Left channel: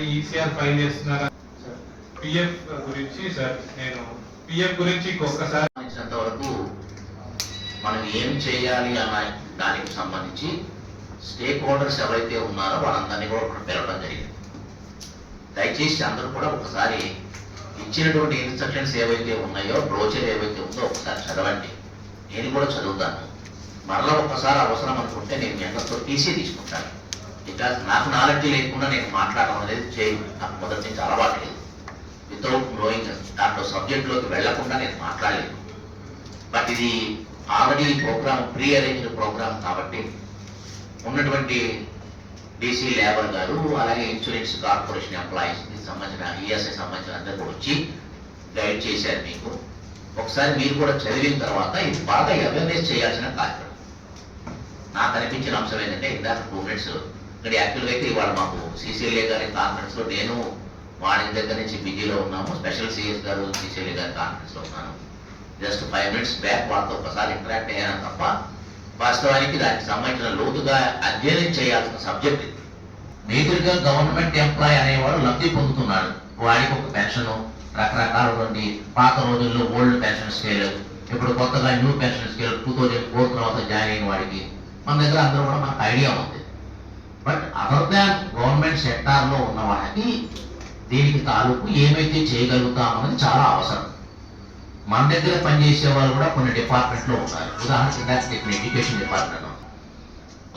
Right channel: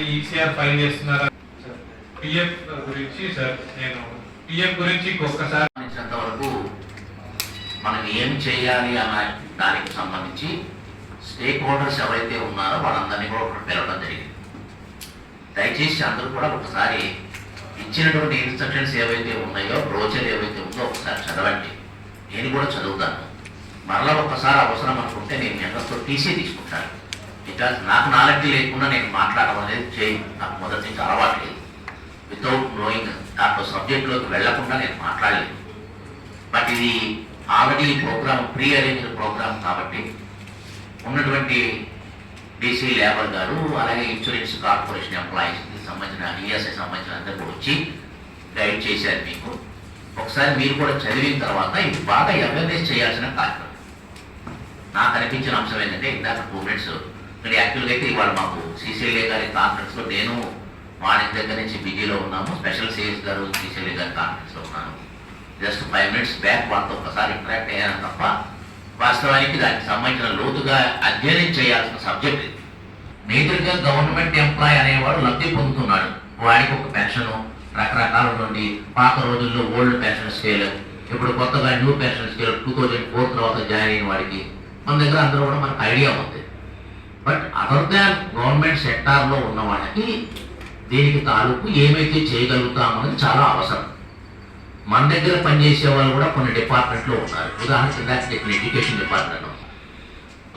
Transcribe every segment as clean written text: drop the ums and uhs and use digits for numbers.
Already ECR file చేస్తున్నారు. PF గురించి sir, నేను పిఎఫ్ గురించి ఒక్కసారి వరకు మనం ఏం చేయాలి అన్న దానికి సంబంధించి స్టేక్ హోల్డర్స్ ఎవరైతే ఉన్నారో వాళ్ళందరినీ కూడా ఒకటి పిలవడం జరిగింది. దయచేసి అందరూ కూడా ఒకసారి ఇచ్చినటువంటి ఇన్స్ట్రక్షన్స్ ఏవైతే ఉన్నాయో, బ్రోచర్ ఏవైతే ఉందో ఒకసారి చదవండి. నేను కూడా చదువుతాను. మరలా ఒకసారి అవసరం అనుకుంటే నేను మీ అందరితో తీసుకుంటాను. బికాజ్ నాకు నాలెడ్జ్ లేకుండా నేను మాట్లాడడం అనేది చేయను. నాకు మొదటి నుంచి అలవాటు లేదు. వితౌట్ నోయింగ్ దాంట్లో సబ్జెక్ట్లోకి వెళ్లకుండా నేను మాట్లాడలేదు. బట్ ఇది already program pre arranged program కాబట్టి ఉన్నటువంటి డీసీ లేబర్ గారు, అలాగే ఇన్సూరెన్స్ కార్పొరేషన్ ఎంప్లాయీస్కి సంబంధించిన ఈఎస్ఐ సంబంధించిన అందరూ కూడా వచ్చి గైడ్ చేశారు మీకు. ఒకసారి మీరు కూడా చదివిన తర్వాత ఇది బాగా అవేర్నెస్ చేయాల్సిన కార్యక్రమం. నాకు అనిపించిన అంశం ఏంటంటే, ఇందాక 2 minutes ఇక్కడ యాక్చువల్గా అయితే ఇవాళ మాకు సిసిఎల్ఏ గారి కాన్ఫరెన్స్లో నేను మార్నింగ్ దగ్గర నుంచి బిజీలో ఉన్నాము. స్పెషల్ సిఎస్ గారు సిసిఎల్ఏ గారి కాన్ఫరెన్స్లో ఉన్నాను. జస్ట్ 5 minutes బ్యాక్ వాళ్ళతో ఒకసారి ఇంటరాక్ట్ అయ్యాను తప్ప వాస్తవానికి దానికి సంబంధించిన లోతుగా అధ్యయనం చేయాల్సిన సబ్జెక్ట్ ఇది. మేజర్గా గవర్నమెంట్ ఎంప్లాయ్ అనేవాడు లబ్ధి పొందుతున్నాడు. వాడికి ఒక పెన్షన్, రకరకాలటువంటి పాత రోజుల్లో ఓల్డ్ పెన్షన్ స్కేల్, ఇప్పుడు కొత్తగా న్యూ పెన్షన్ స్కేల్ 2004 తర్వాత జాయిన్ అయిన వాడికి మన దగ్గర అందరూ కూడా మనకు ఐడియా ఉంది. బట్ అదర్ దాన్ గవర్నమెంట్ సెక్టార్లో ఉన్న వాళ్ళకి దీనికి తాలూకు ఏమైతే చేయగలుగుతామన్నది చాలా అవసరం. మన దగ్గర పనిచేసే వాళ్ళు కూడా కొన్ని డిపార్ట్మెంట్లో ఉన్నారు. ఉదాహరణకి ఇక్కడ ఎడ్యుకేషన్ డిపార్ట్మెంట్లో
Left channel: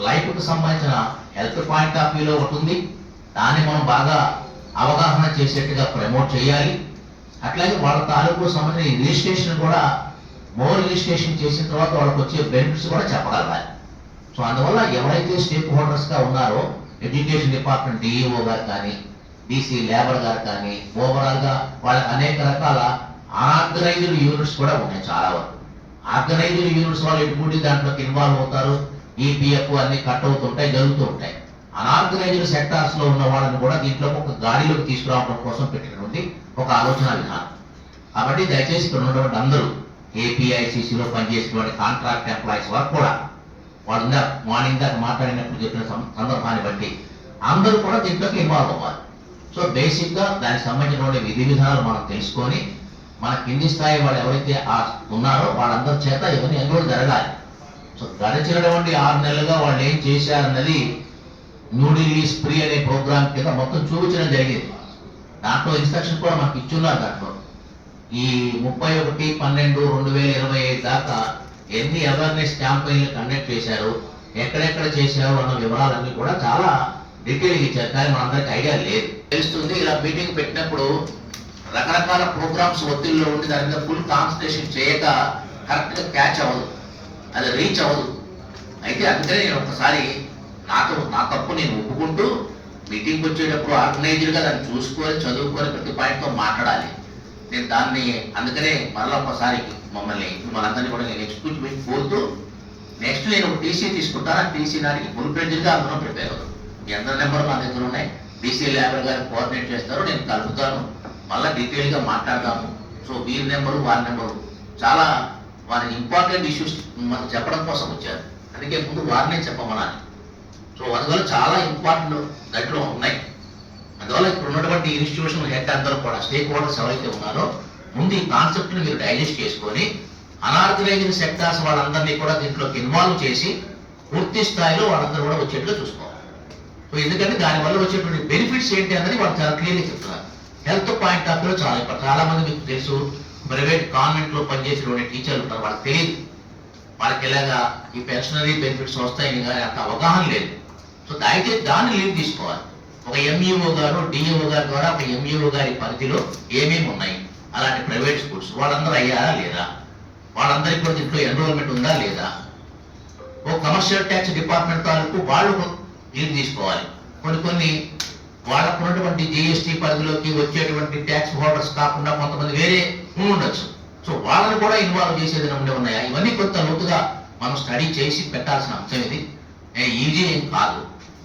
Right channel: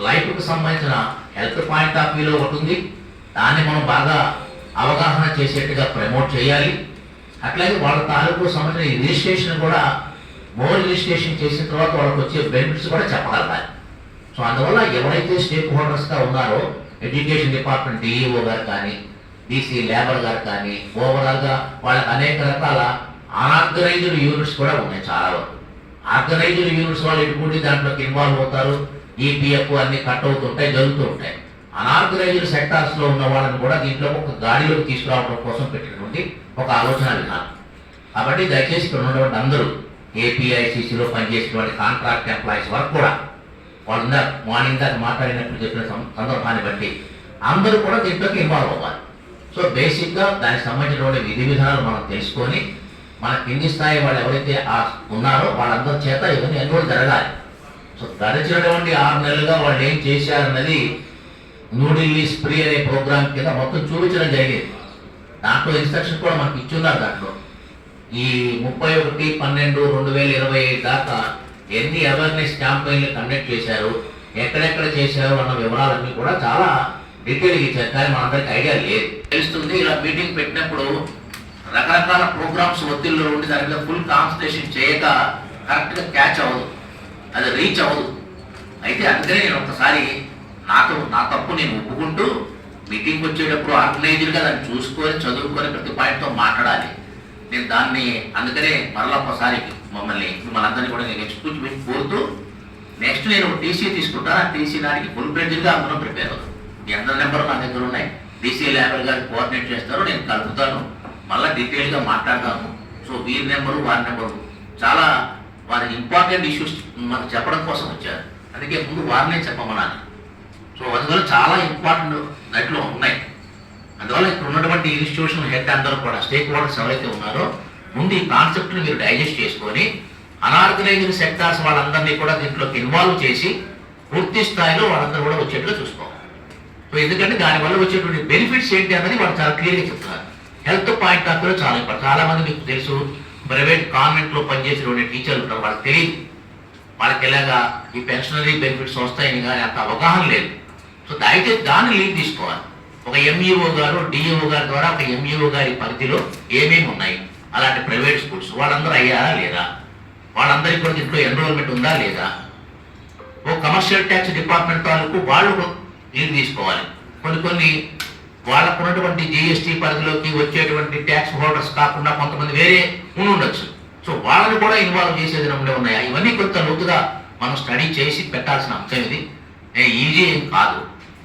లైఫ్కి సంబంధించిన హెల్త్ పాయింట్ ఆఫ్ వ్యూలో ఒకటి ఉంది. దాన్ని మనం బాగా అవగాహన చేసేట్టుగా ప్రమోట్ చేయాలి. అట్లాగే వాళ్ళ తాలూకు సంబంధించిన రిజిస్ట్రేషన్ కూడా రిజిస్ట్రేషన్ చేసిన తర్వాత వాళ్ళకి వచ్చే బెనిఫిట్స్ కూడా చెప్పగలగాలి. సో అందువల్ల ఎవరైతే స్టేక్ హోల్డర్స్గా ఉన్నారో ఎడ్యుకేషన్ డిపార్ట్మెంట్ డిఈఓ గారు కానీ, డీసీ లేబర్ గారు కానీ, ఓవరాల్గా వాళ్ళకి అనేక రకాల అనార్గనైజ్డ్ యూనిట్స్ కూడా ఉన్నాయి. చాలా వరకు ఆర్గనైజ్డ్ యూనిట్స్ వాళ్ళు ఎటువంటి దాంట్లోకి ఇన్వాల్వ్ అవుతారు. ఈపీఎఫ్ అన్ని కట్ అవుతుంటాయి, జరుగుతూ ఉంటాయి. అనార్గనైజ్డ్ సెక్టార్స్లో ఉన్న వాళ్ళని కూడా దీంట్లో ఒక గాడిలోకి తీసుకురావడం కోసం పెట్టినటువంటి ఒక ఆలోచన విధానం. కాబట్టి దయచేసి ఇక్కడ ఉన్నటువంటి అందరూ ఏపీఐసిసిలో పనిచేసినటువంటి కాంట్రాక్ట్ ఎంప్లాయీస్ వరకు కూడా వాళ్ళు మార్నింగ్ దాకా మాట్లాడినట్టు చెప్పిన సందర్భాన్ని బట్టి అందరూ కూడా దీంట్లోకి ఇన్వాల్వ్ అవ్వాలి. సో బేసిక్గా దానికి సంబంధించినటువంటి విధి విధానాలు మనం తెలుసుకొని మన కింది స్థాయి వాళ్ళు ఎవరైతే ఉన్నారో వాళ్ళందరి చేత ఇవన్నీ ఎన్రోల్ జరగాలి. సో గడిచినటువంటి 6 నెలలుగా వాళ్ళు ఏం చేశారన్నది న్యూఢిల్లీ స్ప్రీ అనే ప్రోగ్రామ్ కింద మొత్తం చూపించడం జరిగింది. దాంట్లో ఇన్స్ట్రక్షన్ కూడా మనకి ఇచ్చున్నారు. దాంట్లో ఈ 31/12/2025 దాకా ఎన్ని అవేర్నెస్ క్యాంపెయిన్లు కండక్ట్ చేశారు, ఎక్కడెక్కడ చేశారు అన్న వివరాలన్నీ కూడా చాలా డీటెయిల్గా ఇచ్చారు. కానీ మనందరికీ ఐడియా లేదు. తెలుస్తుంది ఇలా మీటింగ్ పెట్టినప్పుడు రకరకాల ప్రోగ్రామ్స్ ఒత్తిడిలో ఉండి దాని మీద ఫుల్ కాన్సన్ట్రేషన్ చేయక కరెక్ట్గా క్యాచ్ అవ్వదు, అది రీచ్ అవ్వదు. అయితే అందుకనే నేను ఒకసారి నా తప్పు నేను ఒప్పుకుంటూ మీటింగ్ వచ్చేటప్పుడు ఆర్గనైజ్డ్గా దాన్ని చూసుకొని చదువుకొని ప్రతి పాయింట్తో మాట్లాడాలి. నేను దాన్ని అందుకనే మరలా ఒకసారి మమ్మల్ని మనందరినీ కూడా నేను ఎక్స్క్యూజ్ కోరుతూ నెక్స్ట్ నేను ఒక టీసీ తీసుకుంటాను. ఆ టీసీ నాటికి ఫుల్ ప్లేజ్గా అందులో ప్రిపేర్ అవుతాను. మీ అందరి నెంబర్ నా దగ్గర ఉన్నాయి. డీసీ లేబర్ గారు కోఆర్డినేట్ చేస్తారు, నేను కలుపుతాను, మళ్ళీ డీటెయిల్గా మాట్లాడతాము. సో వీరి నెంబరు వారి నెంబరు చాలా వారి ఇంపార్టెంట్ ఇష్యూస్ మనకు చెప్పడం కోసం వచ్చారు. అందుకే ముందు వారినే చెప్పమన్నాను. సో అందువల్ల చాలా ఇంపార్టెంట్ దాంట్లో ఉన్నాయి. అందువల్ల ఇక్కడ ఉన్నటువంటి ఇన్స్టిట్యూషన్ హెడ్ అందరూ కూడా స్టేక్ హోల్డర్స్ ఎవరైతే ఉన్నారో ముందు ఈ కాన్సెప్ట్ని మీరు డైజెస్ట్ చేసుకొని అనార్గనైజ్డ్ సెక్టార్స్ వాళ్ళందరినీ కూడా దీంట్లోకి ఇన్వాల్వ్ చేసి పూర్తి స్థాయిలో వాళ్ళందరూ కూడా వచ్చేట్టుగా చూసుకోవాలి. సో ఎందుకంటే దానివల్ల వచ్చేటువంటి బెనిఫిట్స్ ఏంటి అన్నది వాళ్ళు చాలా క్లియర్గా చెప్తున్నారు. హెల్త్ పాయింట్ ఆఫ్ వ్యూలో చాలా ఇంపార్టెంట్. చాలా మంది మీకు తెలుసు, ప్రైవేట్ కాన్వెంట్లో పనిచేసేటువంటి టీచర్లు ఉంటారు, వాళ్ళకి తెలియదు వాళ్ళకి ఎలాగా ఈ పెన్షనరీ బెనిఫిట్స్ వస్తాయని కానీ అంత అవగాహన లేదు. సో దయచేసి దాన్ని లీడ్ తీసుకోవాలి. ఒక ఎంఈఓ గారు డిఈఓ గారి ద్వారా ఒక ఎంఈఓ గారి పరిధిలో ఏమేమి ఉన్నాయి అలాంటి ప్రైవేట్ స్కూల్స్ వాళ్ళందరూ అయ్యారా లేదా, వాళ్ళందరికీ కూడా దీంట్లో ఎన్రోల్మెంట్ ఉందా లేదా, ఓ కమర్షియల్ ట్యాక్స్ డిపార్ట్మెంట్ తాలూకు వాళ్ళు లీడ్ తీసుకోవాలి. కొన్ని వాళ్ళకు ఉన్నటువంటి జిఎస్టీ పరిధిలోకి వచ్చేటువంటి ట్యాక్స్ హోల్డర్స్ కాకుండా కొంతమంది వేరే ఉండొచ్చు. సో వాళ్ళని కూడా ఇన్వాల్వ్ చేసేది ఉన్నాయా, ఇవన్నీ కొంత లోతుగా మనం స్టడీ చేసి పెట్టాల్సిన అంశం ఇది. ఈజీ ఏం కాదు.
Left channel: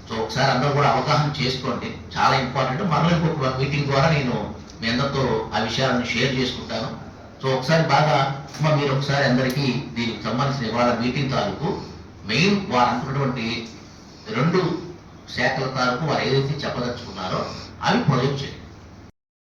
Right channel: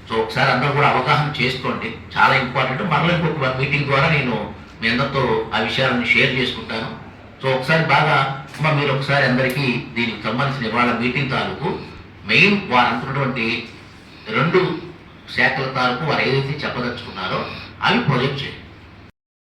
సో ఒకసారి అందరూ కూడా అవగాహన చేసుకోండి, చాలా ఇంపార్టెంట్. మరలా ఇంకొక మీటింగ్ ద్వారా నేను మీ అందరితో ఆ విషయాలను షేర్ చేసుకుంటాను. సో ఒకసారి బాగా మీరు ఒకసారి అందరికీ దీనికి సంబంధించిన ఇవాళ మీటింగ్ తాలూకు మెయిన్ వారు అనుకున్నటువంటి 2 శాఖల తాలూకు వారు ఏదైతే చెప్పదలుచుకున్నారో అవి ప్రొజెక్ట్ చేయండి.